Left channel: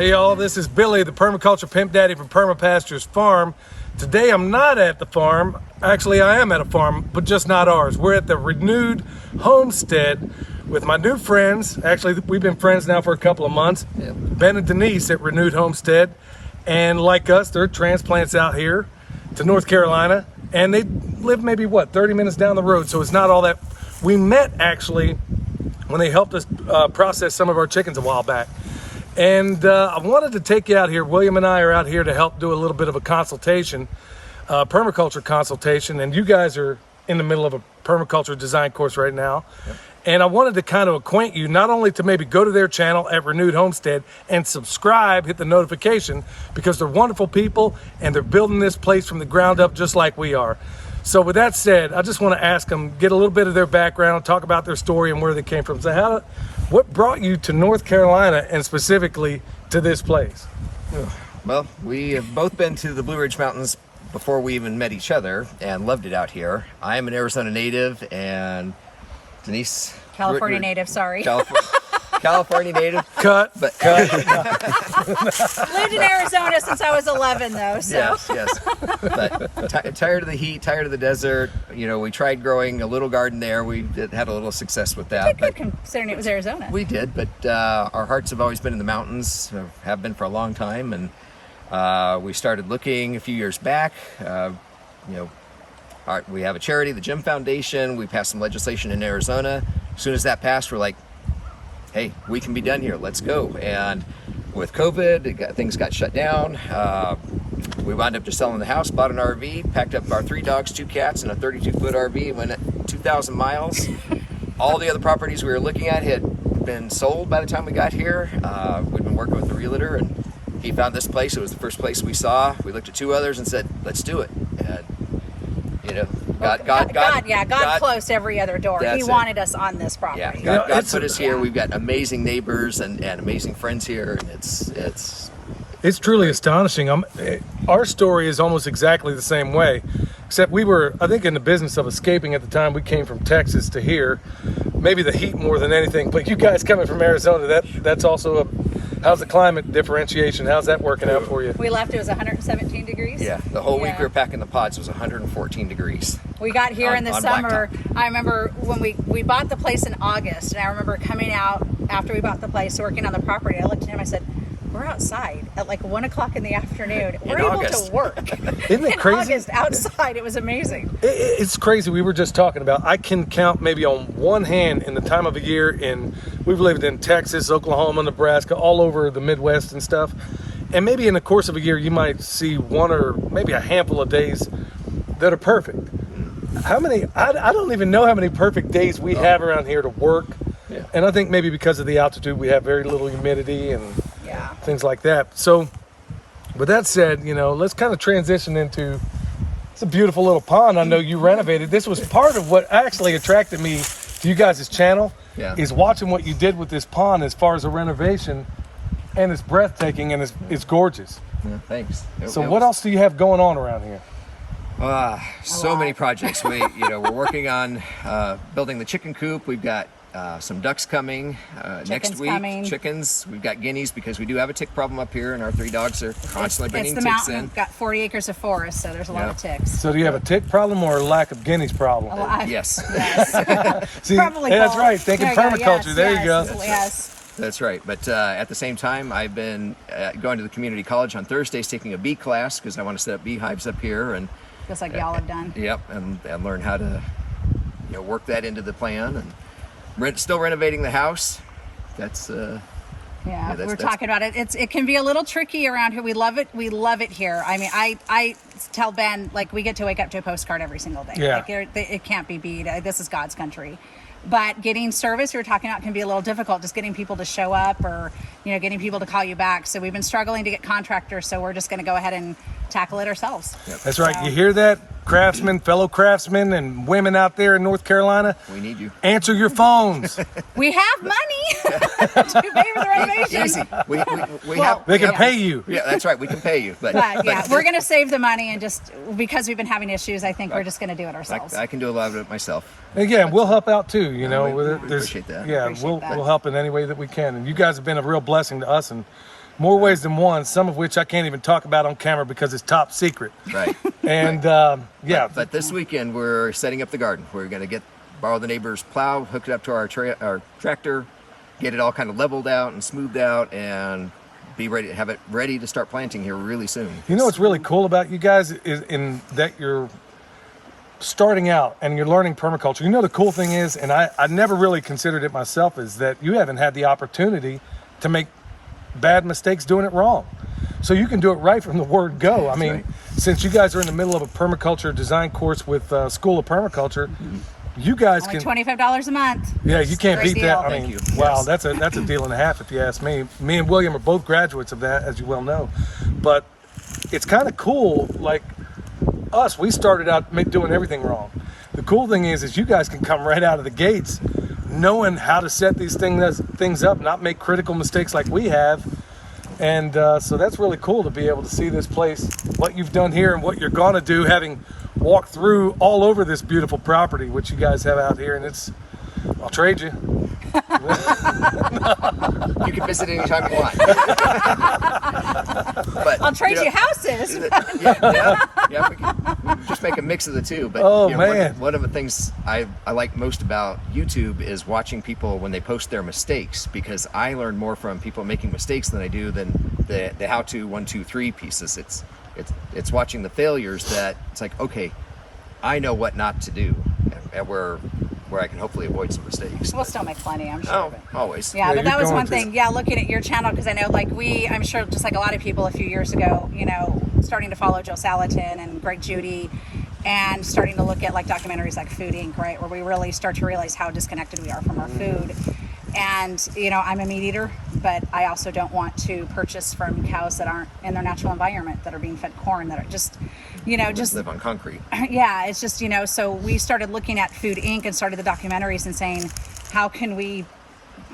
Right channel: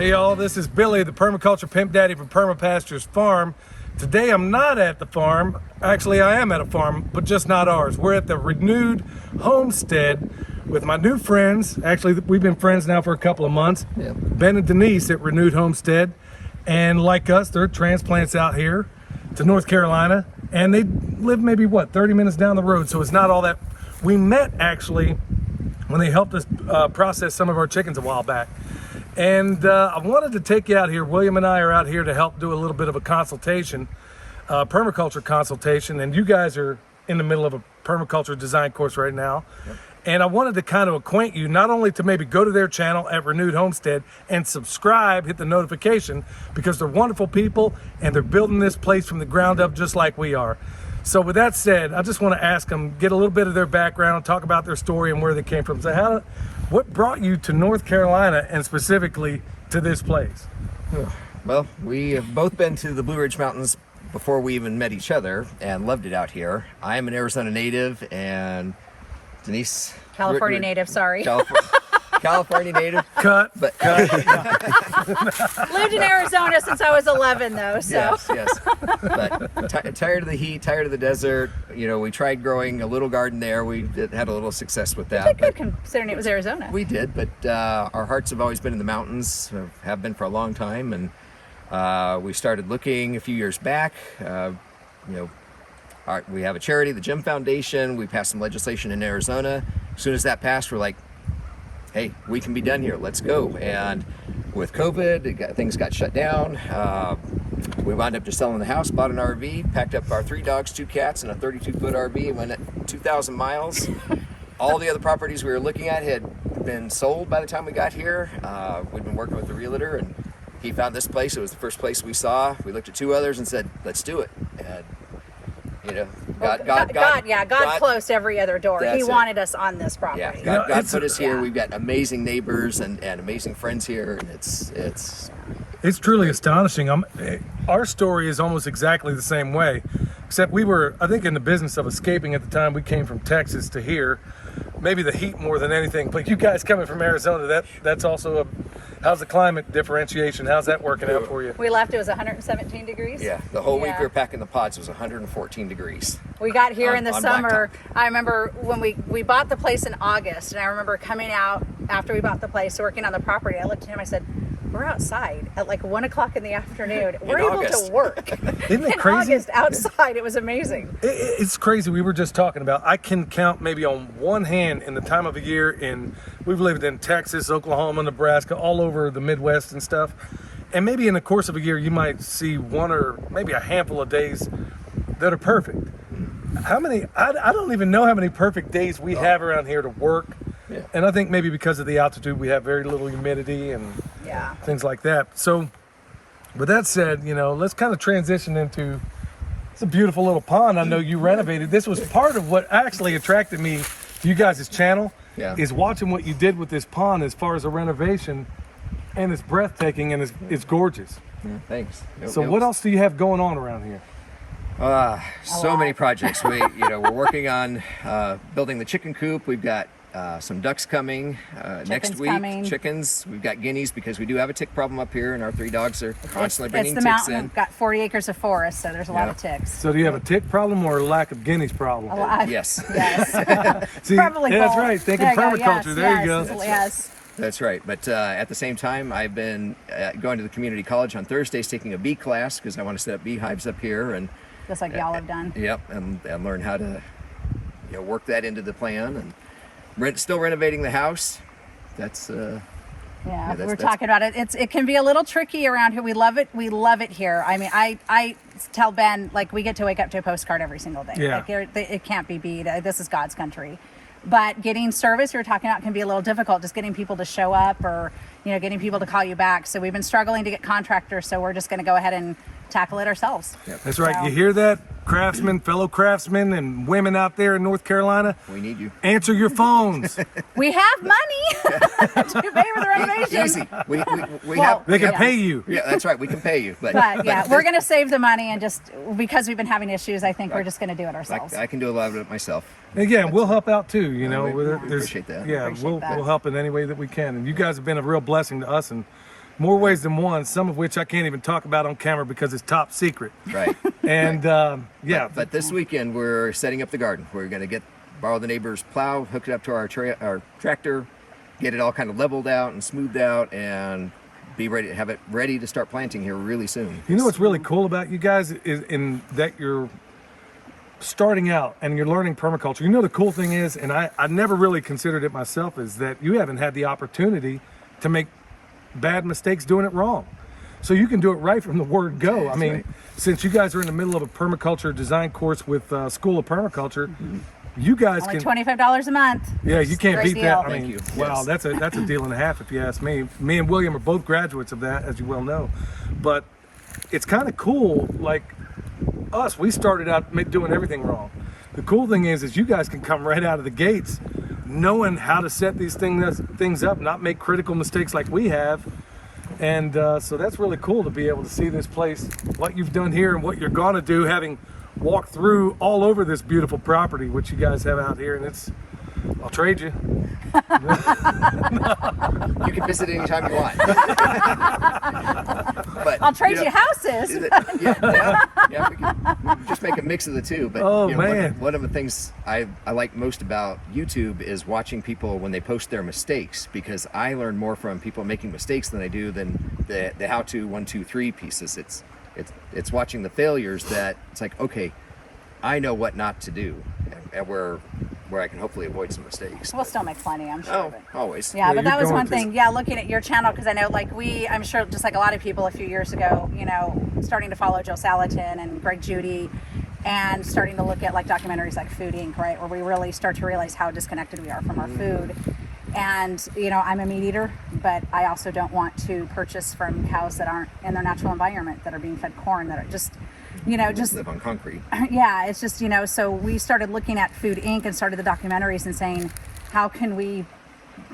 Hey y'all, this is Billy, the permaculture pimp daddy from Perma Pastures farm. Today I'm not at the farm. Actually, I am at a farm, but just not ours. We're at the renewed Homestead with my new friends. Actually, we've been friends now for a couple of months. Yeah. Ben and Denise at Renewed Homestead. And like us, they're transplants out here to North Carolina. And they live maybe, 30 minutes down the road. So it's not all that. We met actually when they helped us process some of our chickens a while back. And I wanted to take you out here. William and I are out here to help do a little bit of a consultation, permaculture consultation. And you guys are in the middle of a permaculture design course right now. Yep. And I wanted to kind of acquaint you, not only to maybe go to their channel at Renewed Homestead and subscribe, hit the notification, because they're wonderful people and they're building this place from the ground up just like we are. So with that said, I just want to ask them, get a little bit of their background, talk about their story and where they came from. So what brought you to North Carolina and specifically to this place? Well, we have both been to the Blue Ridge Mountains before we even met each other and loved it out here. I am an Arizona native and Denise... California native, sorry. California native. Cut. But Lived in Arizona since I was 11 though, so. Yes. But tired of the heat, tired of the desert. You know, we tried growing a little garden there. We had a little success with that. Good considering it was Arizona. We did, but our hearts have always been in the mountains, have been for a long time. And we started looking a few years back. We have a charity, the Jim Foundation. We passed some legislation in Arizona. As soon as that passed, we're like, hey, we can be done here. Let's go. And with COVID, things got shut down. We wound up just selling the house, bought an RV, packed up our 3 dogs, 2 cats, and a 32-foot RV, and went at 2,000 miles. All the other properties we were looking at had been sold by the time we got here. We'd been working with the realtor, and he found this place. It was the first place we saw. We looked at 2 others and said, let's do it. And, you know, God closed every other door. He wanted us on this property. Yeah, God put us here. We've got amazing neighbors and amazing friends here, and it's truly astonishing. Our story is almost exactly the same way, except we were, I think, in the business of escaping at the time. We came from Texas to here, maybe the heat more than anything. But you guys coming from Arizona, that's also how's the climate differentiation? How's that working out for you? We left, it was 117 degrees. Yeah, the whole week we were packing the pods was 114 degrees. We got here in the summer. I remember when we bought the place in August, and I remember coming out after we bought the place, working on the property. I looked at him, I said, we're outside at like 1 o'clock in the afternoon. We're able to work. Isn't it crazy? In August outside, it was amazing. It's crazy. We were just talking about, I can count maybe on one hand in the time of the year, we've lived in Texas, Oklahoma, Nebraska, all over the Midwest and stuff. And maybe in the course of a year, you might see one or maybe a handful of days that are perfect. How many, I don't even know how many perfect days we have around here to work. Yeah. And I think maybe because of the altitude, we have very little humidity and things like that. So with that said, let's kind of transition into, it's a beautiful little pond. I know you renovated. This was part of what actually attracted me to you guys' channel, is watching what you did with this pond as far as a renovation. And it's breathtaking and it's gorgeous. Yeah, thanks. So what else do you have going on around here? So many projects. We're working on building the chicken coop. We've got some ducks coming next week. Chickens. We've got guineas because we do have a tick problem up here, and our 3 dogs are constantly bringing ticks in. We've got 40 acres of forest, so there's a lot of ticks. So do you have a tick problem or a lack of guineas problem? Yes. See, probably that's right. Thinking permaculture. There you go. That's right. But at the same time, I've been going to the community college on Thursdays, taking a bee class because I want to set up beehives up here, and just like y'all have done. Yep, and learn how to work that into the plan, and still renovating the house. That's we're talking about it. It can be a little tricky around here. We love it. We love it here. I mean, I tell Ben, like, we get to wake up to a postcard every single day. Yeah. Like, it can't be beat. This is God's country. But getting service you're talking about can be a little difficult, just getting people to show up or, getting people to call you back. So we've been struggling to get contractors, so we're just going to go ahead and tackle it ourselves. Yep. That's right. So, you hear that, craftsmen, fellow craftsmen and women out there in North Carolina? We need you. Answer your phones. We have money to pay for the renovation. Easy. We have. They can pay you. Yeah, that's right. We can pay you. But we're going to save the money, and just because we've been having issues, I think we're just going to do it ourselves. I can do a lot of it myself. And we'll help out too. We appreciate that. Yeah, we'll help in any way that we can. And you guys have been a real blessing to us, and more ways than one, some of which I can't even talk about on camera because it's top secret. Right. And yeah. But this weekend we're setting up the garden. We're going to borrow the neighbor's plow, hook it up to our tractor, get it all kind of leveled out and smoothed out, and be ready to have it ready to start planting here really soon. You know what's really cool about you guys is in that you're starting out and you're learning permaculture. You know, the cool thing is, and I never really considered it myself, is that you haven't had the opportunity to make bad mistakes doing it wrong. So you can do it right from the word go. I mean, right. Since you guys are in the middle of a permaculture design course with School of Permaculture, you guys Only can $25 a month. Yeah, you can't Great beat deal. that. I mean, Thank you. Wow, Yes. that's a deal and a half if you ask me. Me and William are both graduates of that, as you well know. But it's kind of cool. Like us, we started out doing everything wrong. The cool thing is you guys can come right out of the gates, knowing how to set these things up, not make critical mistakes like we have. And so that's really cool to be able to see this place, what you've done here and what you're gonna do, having walked through all over this beautiful property, which you guys have out here. And I'll trade you. You can visit anytime you want. But I'll trade you houses. Yeah, we can just make a mix of the two. But Oh, you know, man. one of the things I like most about YouTube is watching people when they post their mistakes, because I learn more from people making mistakes than I do than the how-to 1, 2, 3 pieces. It's watching the failures that it's like, okay, I know what not to do, and where I can hopefully avoid some mistakes. We'll still make plenty, I'm sure. Oh, but- always. Yeah, but you're that was going one to. thing. Yeah, looking at your channel, because I know, like, I'm sure, just like a lot of people a few years ago, you know, starting to follow Joe Salatin and Greg Judy, and starting to look at like documentaries like Food Inc., right, where we really start to realize how disconnected we are from our food. And, you know, I'm a meat eater, but I also don't want to purchase from cows that aren't in their natural environment, that are being fed corn, that are just, you know, just Live on concrete. yeah, it's just, you know, so we started looking at Food Inc. and started the documentaries and saying, how can we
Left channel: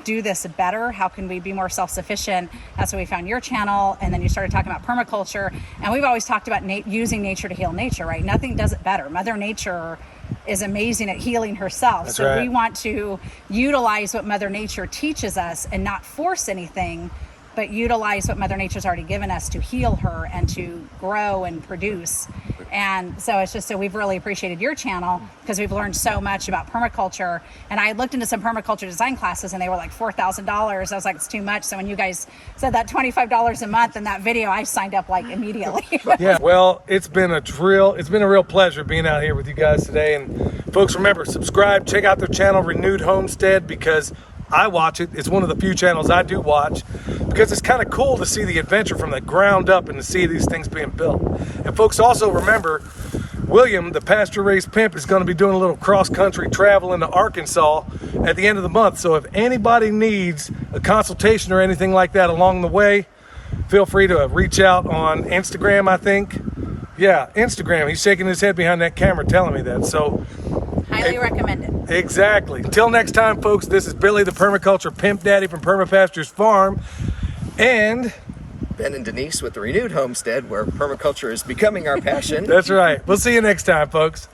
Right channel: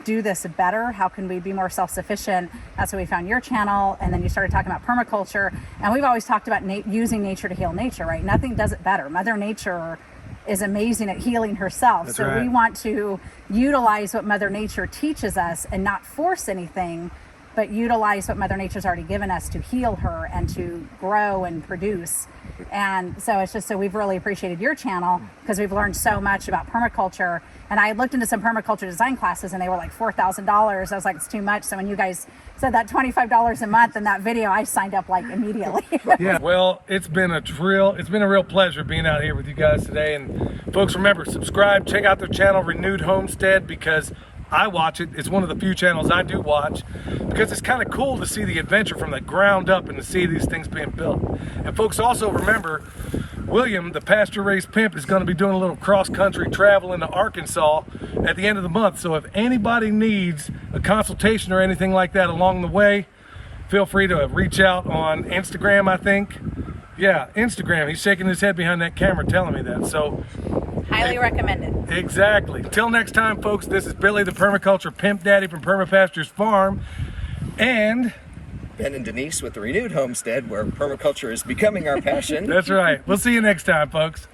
do this better? How can we be more self-sufficient? That's when we found your channel, and then you started talking about permaculture. And we've always talked about using nature to heal nature, right? Nothing does it better. Mother Nature is amazing at healing herself. That's so right. we want to utilize what Mother Nature teaches us and not force anything, but utilize what Mother Nature's already given us to heal her and to grow and produce. And so it's just, so we've really appreciated your channel because we've learned so much about permaculture. And I looked into some permaculture design classes and they were like $4,000. I was like, it's too much. So when you guys said that $25 a month in that video, I signed up like immediately. Yeah, well, it's been a real pleasure being out here with you guys today. And folks, remember, subscribe, check out their channel, Renewed Homestead, because I watch it. It's one of the few channels I do watch, because it's kind of cool to see the adventure from the ground up and to see these things being built. And folks, also remember, William, the pasture raised pimp, is going to be doing a little cross-country travel into Arkansas at the end of the month. So if anybody needs a consultation or anything like that along the way, feel free to reach out on Instagram, I think. Yeah, Instagram. He's shaking his head behind that camera telling me that. So Highly recommended. exactly. Until next time, folks, this is Billy, the permaculture pimp daddy from Perma Pastures Farm. And Ben and Denise with the Renewed Homestead, where permaculture is becoming our passion. that's right. We'll see you next time, folks.